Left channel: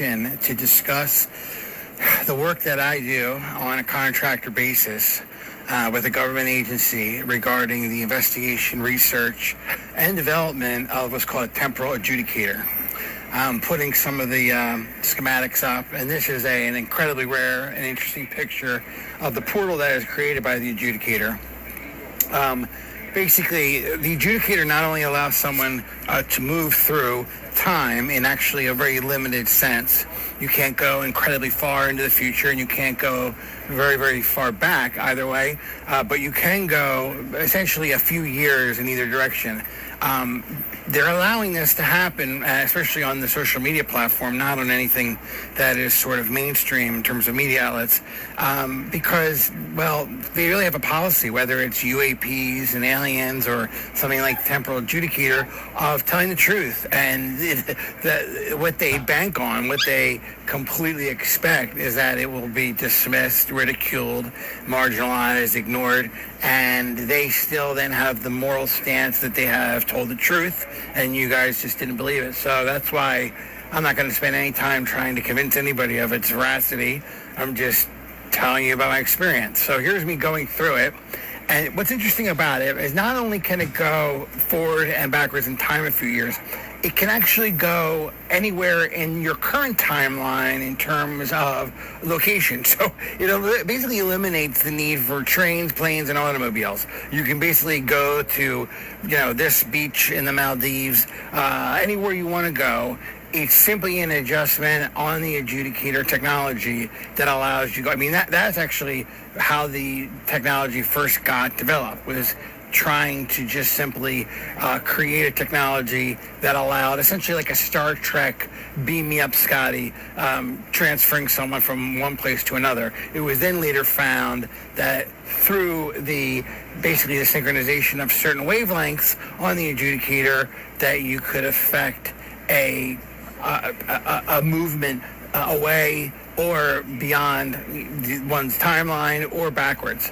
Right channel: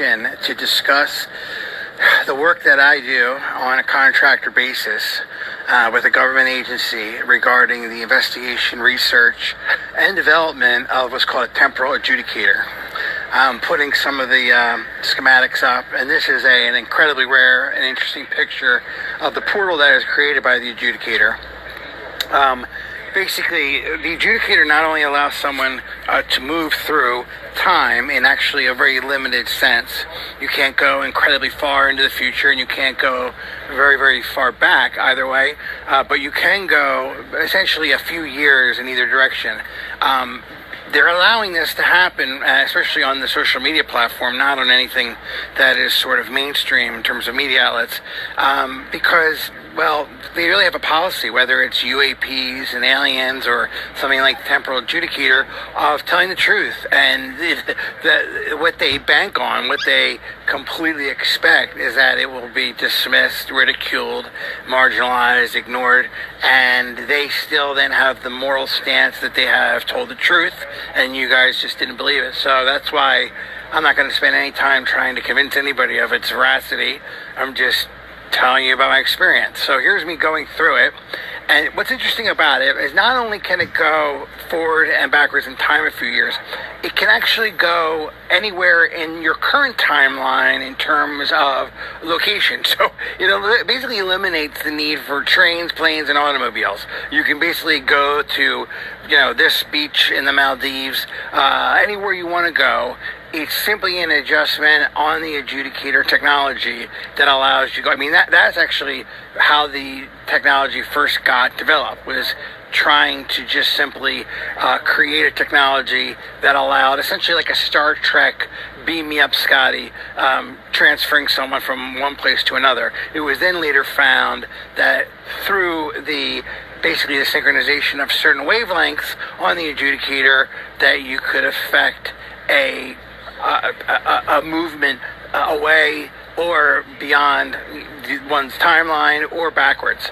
to discuss the work that I do on a contractor basis with a government agency regarding the investigation, research, and development of what's called a temporal adjudicator. I'm putting some of the schematics up, and this is an incredibly rare and interesting picture of the portal that is created by the adjudicator. Basically, the adjudicator not only allows someone to move through time in actually a very limited sense. You can't go incredibly far into the future, and you can't go very, very far back either way, but you can go essentially a few years in either direction. They're allowing this to happen, especially on the social media platform, not on anything that is sort of mainstream in terms of media outlets, because, well, they really have a policy, whether it's UAPs and aliens or something like temporal adjudicator, of telling the truth. And what they bank on, what they completely expect, is that it will be dismissed, ridiculed, marginalized, ignored, and they still then have the moral stance that they have told the truth, and you guys just didn't believe it. So that's why I'm not going to spend any time trying to convince anybody of its veracity. I'm just telling you about my experience. So here's me going through it. And what's interesting about it is not only can it go forward and backwards in time a few years, it can actually go anywhere in your current timeline in terms of location. So it basically eliminates the need for trains, planes, and automobiles. You can basically go to, this beach in the Maldives, anywhere you want to go. It's simply an adjustment on the adjudicator technology that allows you. That's actually how the technology first got developed, was trying to just simply create a technology that allowed essentially like a Star Trek beam me up Scotty, transferring someone from one place to another. It was then later found that through basically the synchronization of certain wavelengths on the adjudicator, that you could affect a movement away or beyond one's timeline or backwards.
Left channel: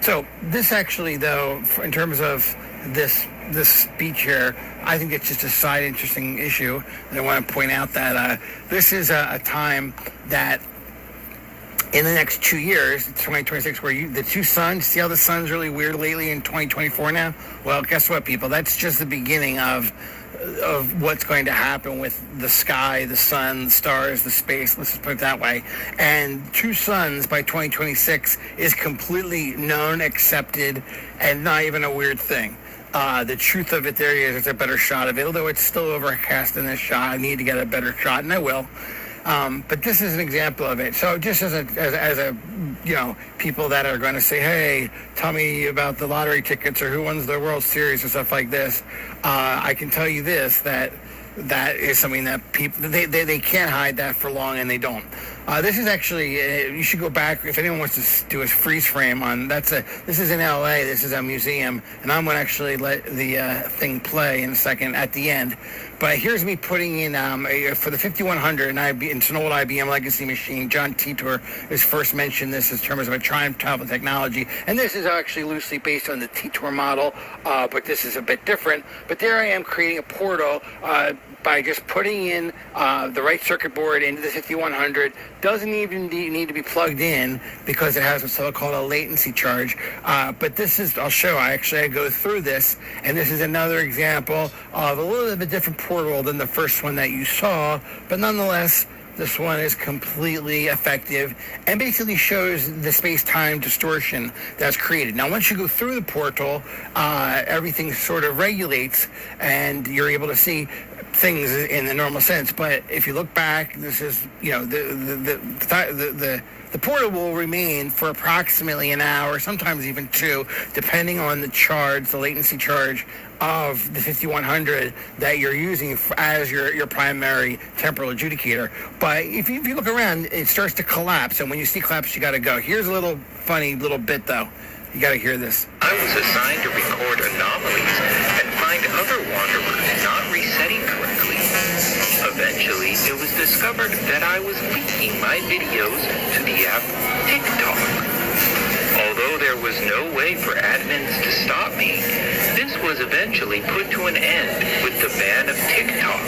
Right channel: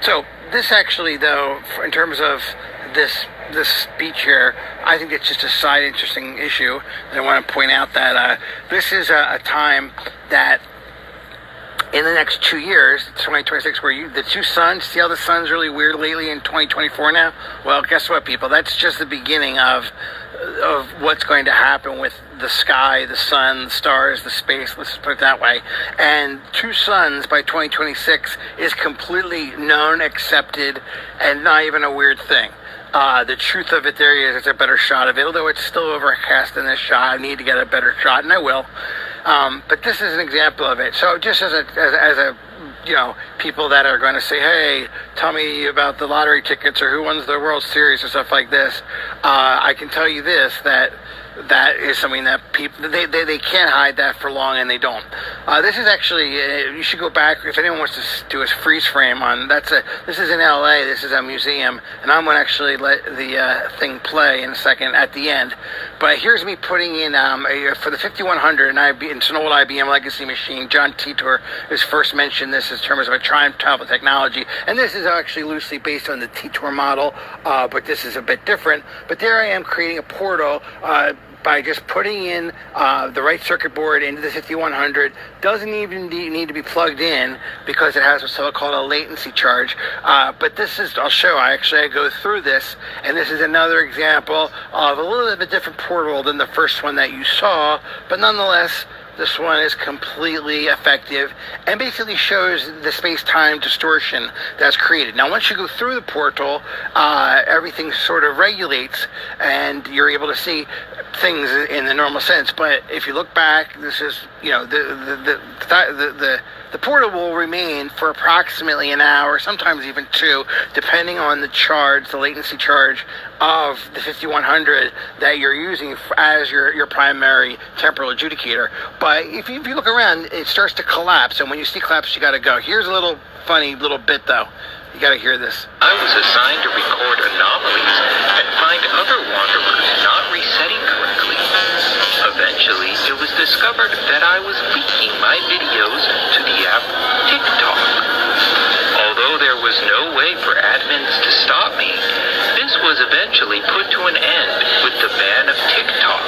So this actually, though, in terms of this speech here, I think it's just a side interesting issue. I want to point out that this is a time that in the next 2 years, 2026, where the two suns, see how the sun's really weird lately in 2024 now? Well, guess what, people? That's just the beginning of what's going to happen with the sky, the sun, the stars, the space, let's just put it that way. And two suns by 2026 is completely known, accepted, and not even a weird thing. The truth of it there is it's a better shot of it, although it's still overcast in this shot. I need to get a better shot, and I will. But this is an example of it. So just as a people that are going to say, hey, tell me about the lottery tickets or who wins the World Series or stuff like this, I can tell you this, that is something that people, they can't hide that for long, and they don't. This is actually, you should go back, if anyone wants to do a freeze frame on, this is in LA, this is a museum, and I'm going to actually let the thing play in a second at the end. But here's me putting in, for the 5100, and it's an old IBM legacy machine. John Titor has first mentioned this in terms of a time travel technology, and this is actually loosely based on the Titor model, but this is a bit different. But there I am creating a portal, by just putting in the right circuit board into the 5100. Doesn't even need to be plugged in because it has what's so-called a latency charge. But this is, I go through this, and this is another example of a little bit different portal than the first one that you saw, but nonetheless, this one is completely effective and basically shows the space-time distortion that's created. Now, once you go through the portal, everything sort of regulates, and you're able to see things in the normal sense. But if you look back, this is, the portal will remain for approximately an hour, sometimes even two, depending on the charge, the latency charge of the 5100 that you're using as your primary temporal adjudicator. But if you look around, it starts to collapse, and when you see collapse, you got to go. Here's a little funny little bit, though. You got to hear this. I was assigned to record anomalies and find other wanderers not resetting correctly. Eventually, it was discovered that I was leaking my videos to the app TikTok. Although there was no way for admins to stop me, this was eventually put to an end with the ban of TikTok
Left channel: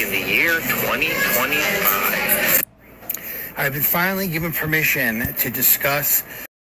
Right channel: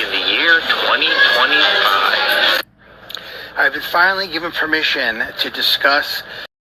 in the year 2025. I've been finally given permission to discuss